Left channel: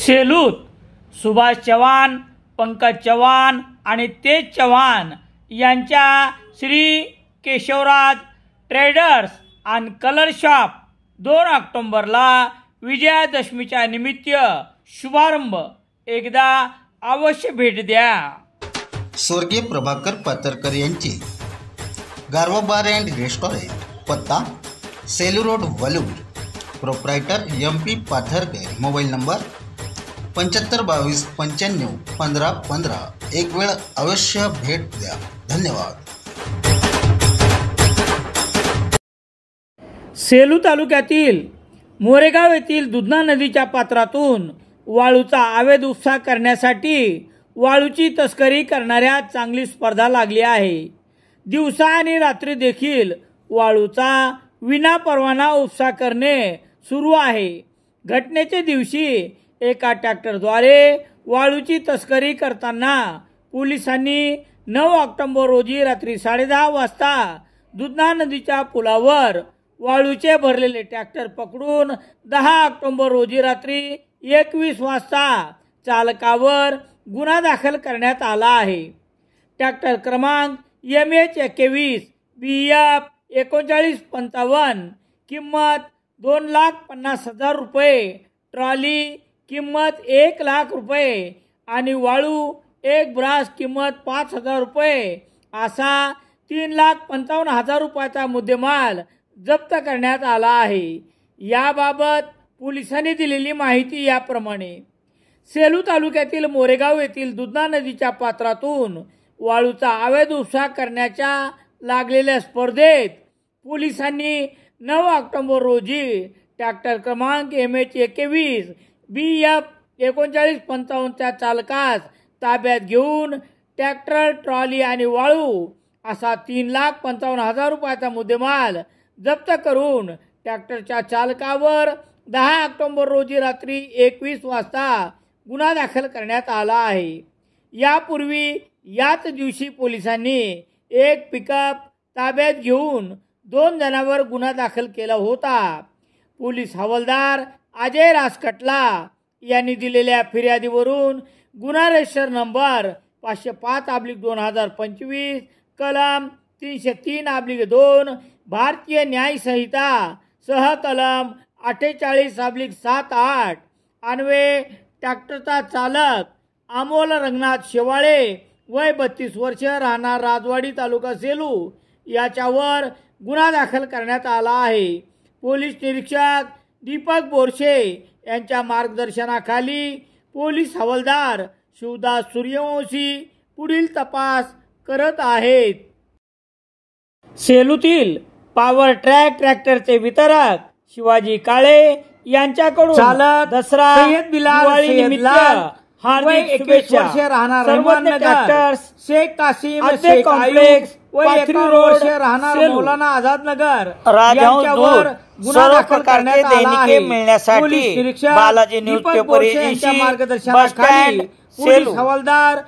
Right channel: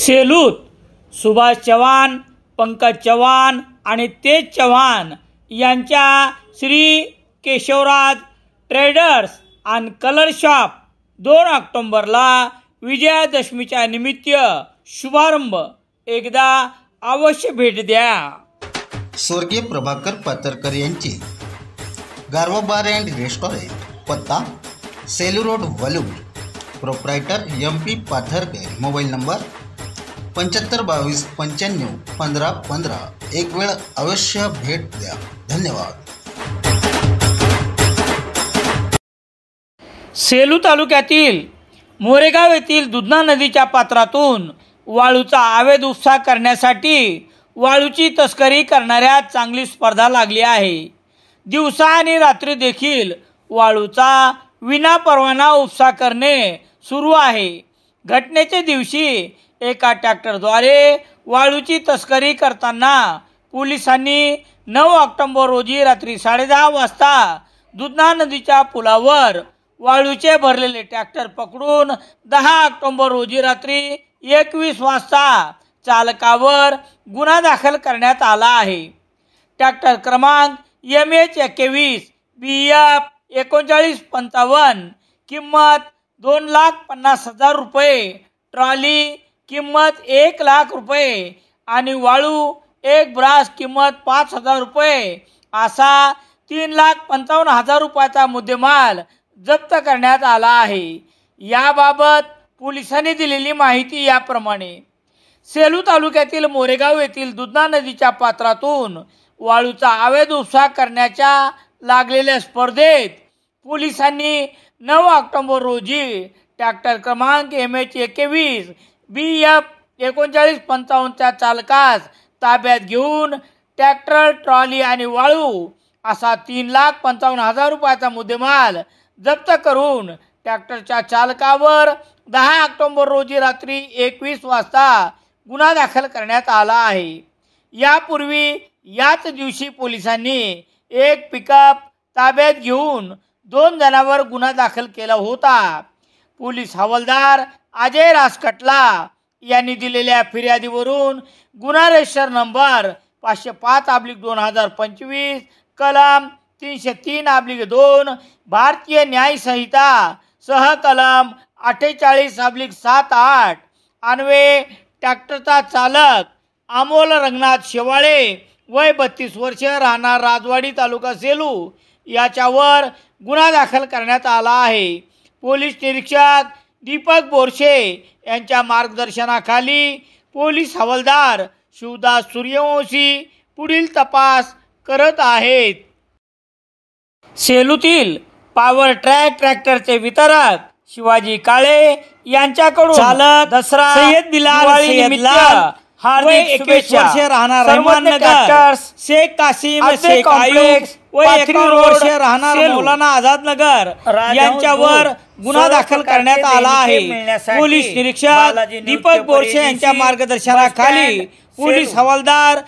सेलूत सुभाष चव्हाण, पंकज चव्हाण आणि तेज चव्हाण यांच्या श्री केशवराज ट्रेडर्स आणि कलर शॉप 2 ऑक्टोबरला विजयादशमीच्या निमित्त शुभारंभ. एकदा अवश्य भेट द्या. स्वर्गीय प्रभाकर पातरकर यांची गारवा बार अँड रेस्टॉरंट, पत्ता Selu road, Walur. Proprietor MP Patharkar. Mobile number 7522 95 15 15. एक वेळ अवश्य भेट द्या. धन्यवाद. सेलू तालुक्यातील मोरेगाव येथील दुधना नदीच्या पात्रातून वाळूचा अवैध उपसा करण्यासाठी वाळूची तस्करी करणाऱ्या चांगली स्पर्धा लागली आहे. दिवसा आणि रात्री देखील वाळूचा विनापरवाना उपसा करणे सुरू आहे. घटनेच्या दिवशी एका ट्रॅक्टरद्वारे वाळूची तस्करी करताना पोलिसांनी 9 ऑक्टोबर रोजी रात्री 10:30 वाजता दुधना नदीच्या पुलावर वाळूचे भरलेले ट्रॅक्टर पकडून 10 ऑक्टोबर रोजी रात्री 21 वाजता चालकावर गुन्हा दाखल करण्यात आला आहे. ट्रॅक्टर क्रमांक MH21 BF 3955, किंमत 2,50,000 रुपये, ट्रॉली किंमत 1,00,000 रुपये आणि वाळू एक ब्रास किंमत 5,000 रुपये असा 3,55,000 रुपयाचा मुद्देमाल जप्त करण्यात आला आहे. याबाबत पोलिसांनी दिलेली माहिती याप्रमाणे: सेलू तालुक्यातील मोरेगाव येथील दुधना नदीच्या पात्रातून वाळूचा अवैध उपसा करण्याच्या लागलेल्या स्पर्धेत पोलिसांनी 9 ऑक्टोबर रोजी ट्रॅक्टर क्रमांक MH21 BF 3955 च्या चालकास ताब्यात घेऊन ट्रॅक्टर, ट्रॉली आणि वाळू असा 3,55,000 रुपयाचा मुद्देमाल जप्त करून ट्रॅक्टरच्या चालकावर 10 ऑक्टोबर रोजी रात्री 21 वाजता गुन्हा दाखल करण्यात आला आहे. यापूर्वी याच दिवशी पोलिसांनी एक पिकअप ताब्यात घेऊन 2 जणांवर गुन्हा दाखल केला होता. पोलीस हवालदार अजय राजकटला यांनी दिलेल्या फिर्यादीवरून गुन्हा रजिस्टर नंबर 505/2025 कलम 303/2 भारतीय न्याय संहिता सह कलम 48/7-8 अन्वये ट्रॅक्टरचा चालक अमोल रंगनाथ शेवाळे वय 32 वर्ष, राहणार राजवाडी, तालुका सेलू याच्यावर गुन्हा दाखल करण्यात आला आहे. पोलीस निरीक्षक दीपक बोरशे यांच्या मार्गदर्शनाखाली पोलीस हवालदार शिवदास सूर्यवंशी पुढील तपास करत आहेत. सेलूतील पॉवर ट्रॅक ट्रॅक्टरचे वितरक शिवाजी काळे यांच्याकडून चालक दसरा सय्यद बिलाल हार्दिक शुभेच्छा. राहणार रहमाननगर, शेख कासिम शेख आयुब व रोड राहणार मौलाना आझाद नगर यांच्यावर गुन्हा दाखल करण्यात आला आहे. पोलीस निरीक्षक दीपक बोरशे यांच्या मार्गदर्शनाखाली पोलीस हवालदार